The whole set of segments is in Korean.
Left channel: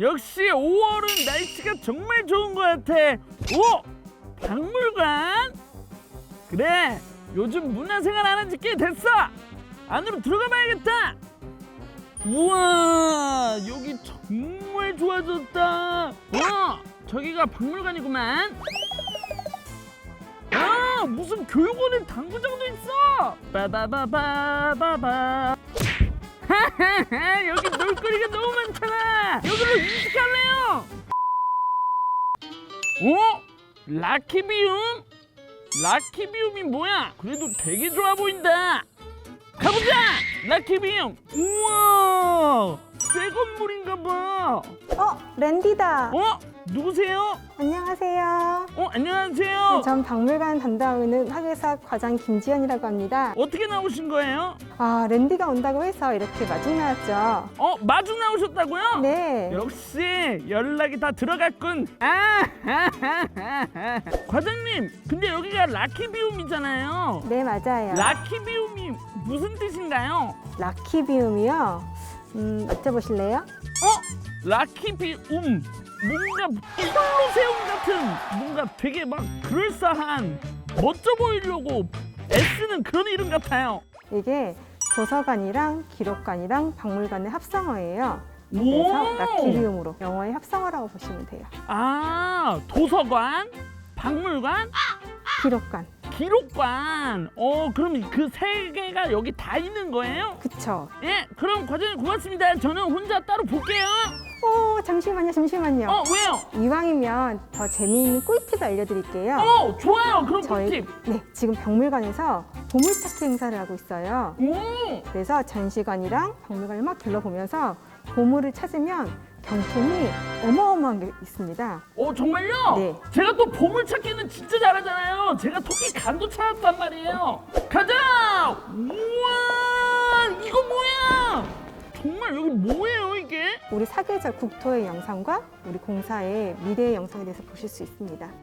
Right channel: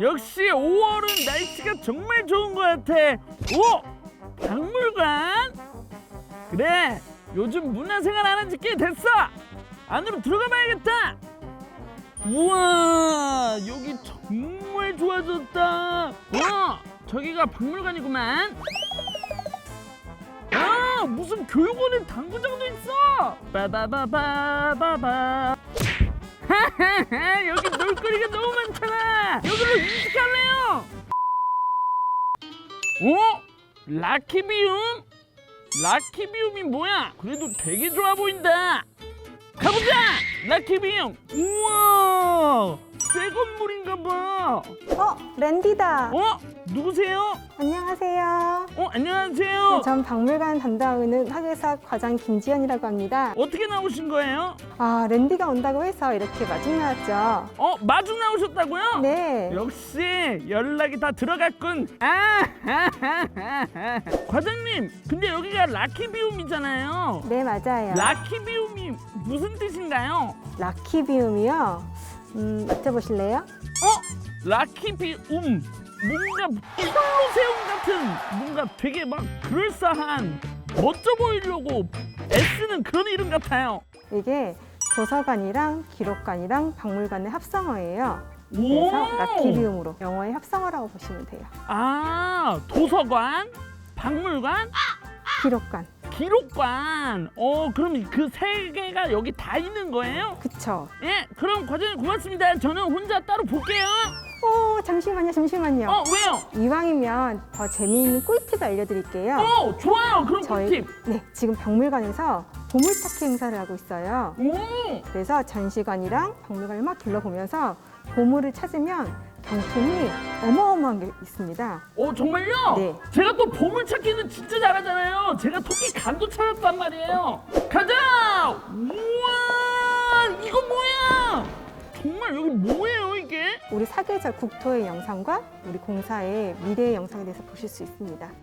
역시 5월은 날씨가 정말 좋은 것 같아. 오! 박물관? 그래, 요즘 문화생활 안 한지 꽤 됐어. 안으로 들어가 봐야겠다. 우와, 여기 정말 좋아졌다. 와, 저기가 박물관이구만. 아, 무슨 교육원에 당구장도 있어. 빠바바바바바. 하하하, 여기 놀거리가 너무 많잖아. 여기로 이직할래요. 어? 라키비움? 라키비움이 뭐야? 그래도 되게 좋아 보인다. 가보자! 라키비움! 우와! 새 건물인가 봐. 어? 누구세요? 어, 안녕하세요. 어떻게 나오신 거예요? 어, 마중 나오셨다고요? 역시 연락이 다 들어갔군. 아, 과장님, 근데 여기가 라키비움이잖아요. 라키비움이 무슨 뜻인가요? 어? 라키비움 뭔가 콜로세움 같은 뭔가 되게 막 그럴싸한 멋져 보이려고 애쓰는 그런 이름 같아요. 오! 아, 도서관? 박물관? 기록관. 어, 그럼 그 세 개가 여기 다 있는 거예요? 예, 그럼 과장님 고맙습니다. 저는 혼자 따로 볼게요. 어, 왜요? 어, 좋아요. 그럼 꿀팁. 음. 어 정말요? 제가 또 보물 찾기는 진짜 잘하잖아요. 제가 토끼 간도 찾았단 말이에요. 가자! 우와! 이거 뭐야? 정말 여기 뭐예요 이게?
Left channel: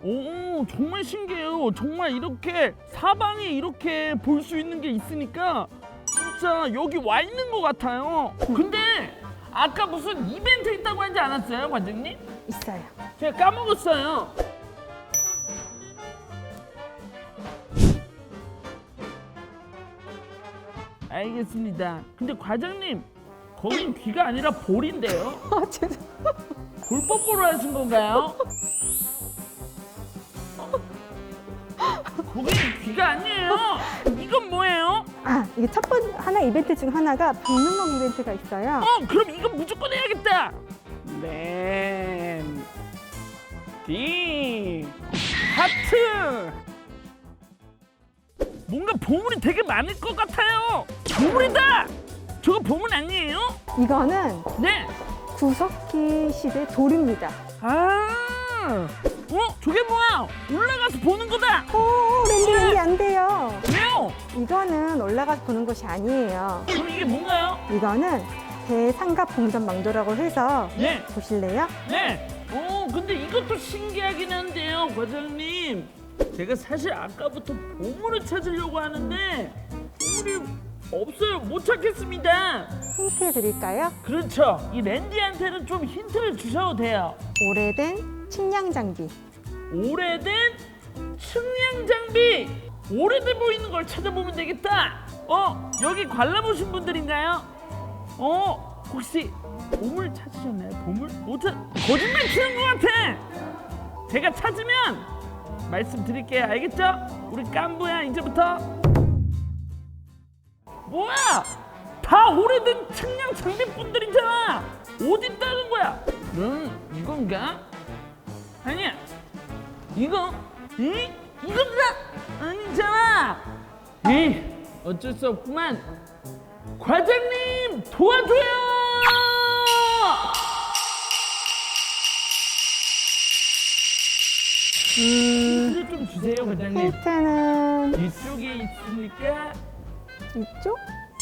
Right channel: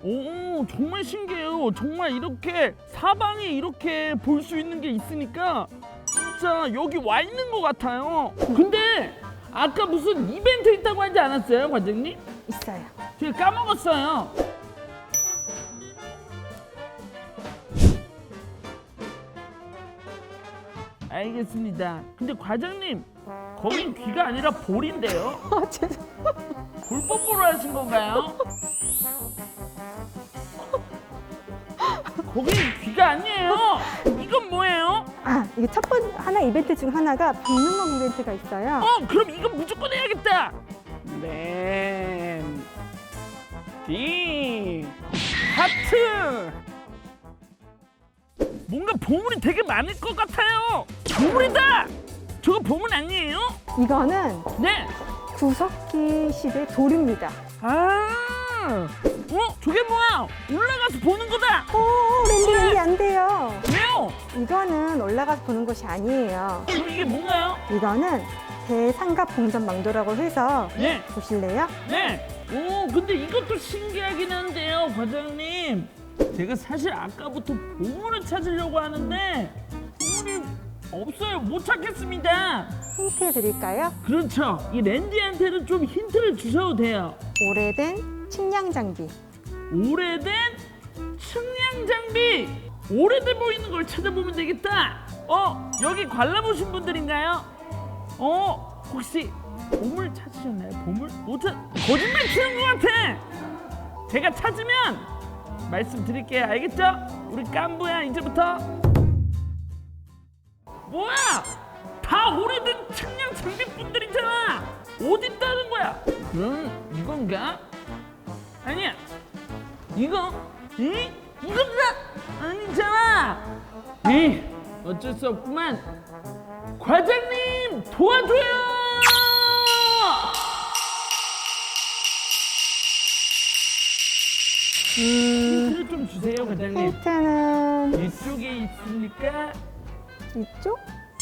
오 정말 신기해요. 정말 이렇게 사방에 이렇게 볼 수 있는 게 있으니까 진짜 여기 와 있는 것 같아요. 근데 아까 무슨 이벤트 있다고 하지 않았어요, 관장님? 제가 까먹었어요. 알겠습니다. 근데 과장님, 거긴 귀가 아니라 볼인데요. 볼 뽀뽀로 하신 건가요? 거긴 귀가 아니에요. 이건 뭐예요? 어, 그럼 이건 무조건 해야겠다. 램, 디, 하트. 뭔가 보물이 되게 많을 것 같아요. 보물이다. 저거 보물 아니에요? 네. 아, 어, 저게 뭐야? 올라가서 보는 거다. 어, 왜요? 그럼 이게 뭔가요? 네, 네. 오, 근데 이것도 신기하긴 한데요, 과장님. 제가 사실 아까부터 보물을 찾으려고 하는데 보물이 없어요. 못 찾겠습니다. 그렇죠. 이 랜디한테는 좀 힌트를 주셔도 돼요. 오래된 측량 장비. 오래돼 보이는 걸 찾아보면 되겠다. 어, 여기 관람 오신 분들인가요? 어, 혹시 보물 찾으셨나요? 보물? 못 찾... 거짓말 치는 것 같아. 제가 찾으면 말씀드릴게요. 알겠죠? 우리 깐부야 이제부터 뭐야? 다 오래된 측량 장비분들이잖아. 어디 있다는 거야? 음, 이건가? 아니야. 이거? 이? 이건가? 아니잖아. 이 어쩔 수 없구만. 과장님 도와줘요. 힌트를 좀 주세요, 과장님. 이쪽에 있습니까?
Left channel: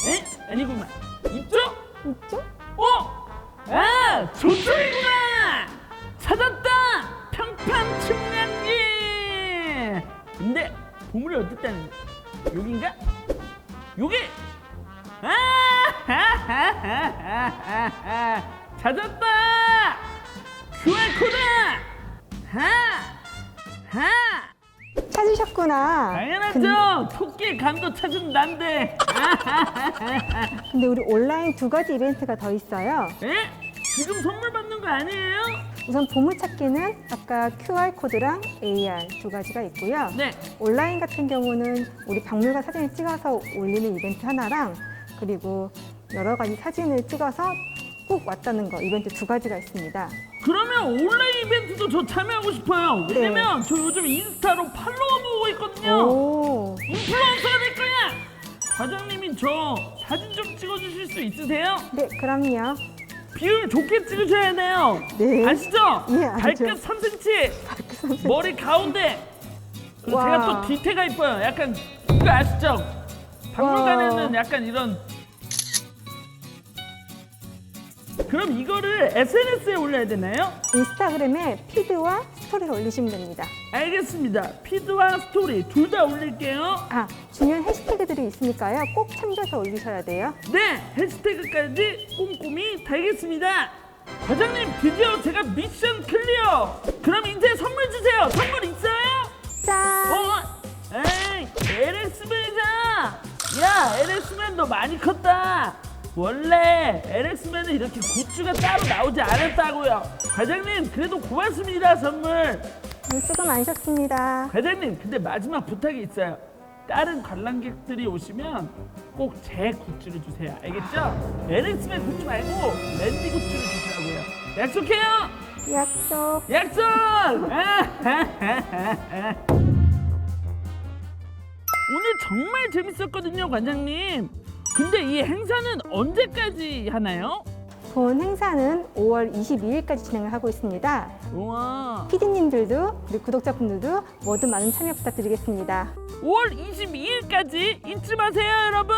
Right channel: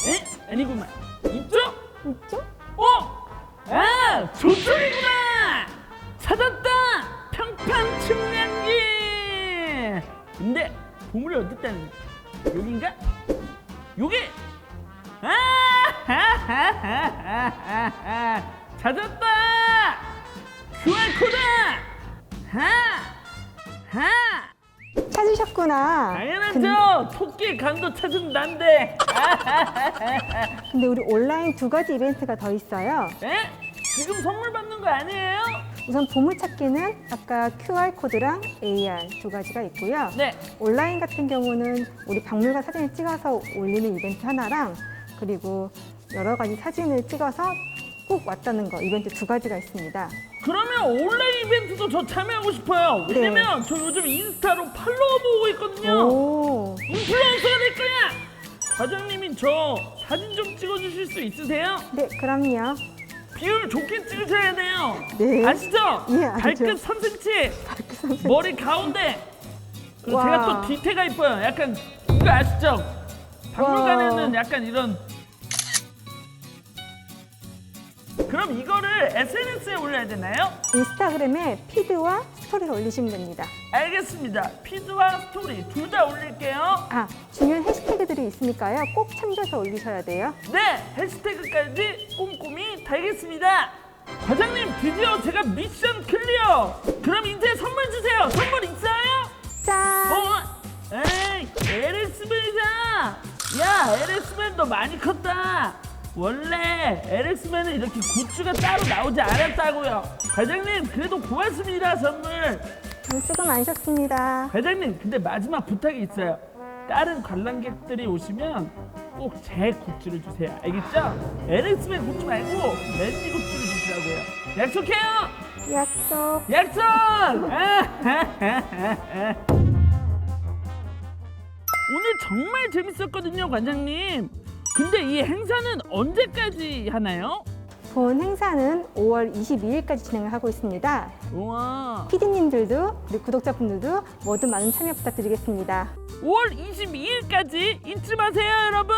에? 아니구만. 이쪽? 어? 아, 저쪽이구나. 찾았다. 평판 측량기. 근데 보물이 어디 있다는 거야? 여긴가? 여기. 찾았다. QR코드 하! 하! 당연하죠 토끼의 간도 찾은 난데 에? 지금 선물 받는 거 아니에요? 네 그러면 온라인 이벤트도 저 참여하고 싶어요. 왜냐면 저 요즘 인스타로 팔로워 모으고 있거든요. 인플루언서가 될 거야. 과장님이 저 사진 좀 찍어주실 수 있으세요? 비율 좋게 찍으셔야 돼요. 아시죠? 발끝 3cm, 머리 가운데. 그리고 제가 또 뒤태가 이뻐요. 약간 이거 아시죠? 박물관에는 약간 이런 그럼 이거를 SNS에 올려야 되나요? 알겠습니다. 피드와 스토리 둘 다 올릴게요. 네, 해시태그까지 꼼꼼히 달겠습니다. 과장님, 드디어 제가 미션 클리어. 그럼 이제 선물 주세요. 선물 있어요? 어? 에이, LX맨이잖아. 야, LX맨 너 많이 컸다. 원래 LX맨은 이렇게 굿즈가 따로 나오지 않았다고요. 과장님, 그래도 고맙습니다, 선물. 과장님, 근데 마지막 부탁이 있어요. 다른 관람객들이 오시면 꼭 제 굿즈를 주세요. 알겠죠? LX맨 굿즈 말고 랜디 굿즈를 주시라고요. 약속해요. 약속. 오늘 정말 재밌었거든요, 관장님. 근데 이 행사는 언제까지 하나요? 우와. 5월 22일까지 잊지 마세요, 여러분.